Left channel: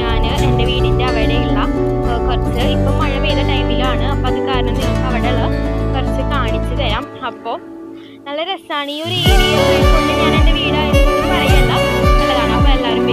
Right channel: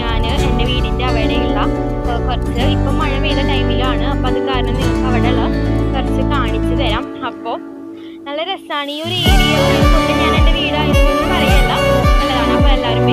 ഞാൻ എൻ്റെ വീടിൻ്റെ അവിടെയുള്ള കുറച്ച് ഇപ്പം മഴ പെയ്ത ടൈമിലാണ്. അപ്പോൾ അത് കാരണം നിങ്ങൾക്ക് അവിടെയുള്ള കുറച്ച് കാണിച്ചു തരാം. അപ്പോൾ നല്ല രസമാണ് ഈ ഒരു ഏരിയ കൊണ്ട്. ഞാൻ എൻ്റെ വീടായതുകൊണ്ടും പറയല്ല, നല്ലതാണ്. അപ്പോൾ എല്ലാവരും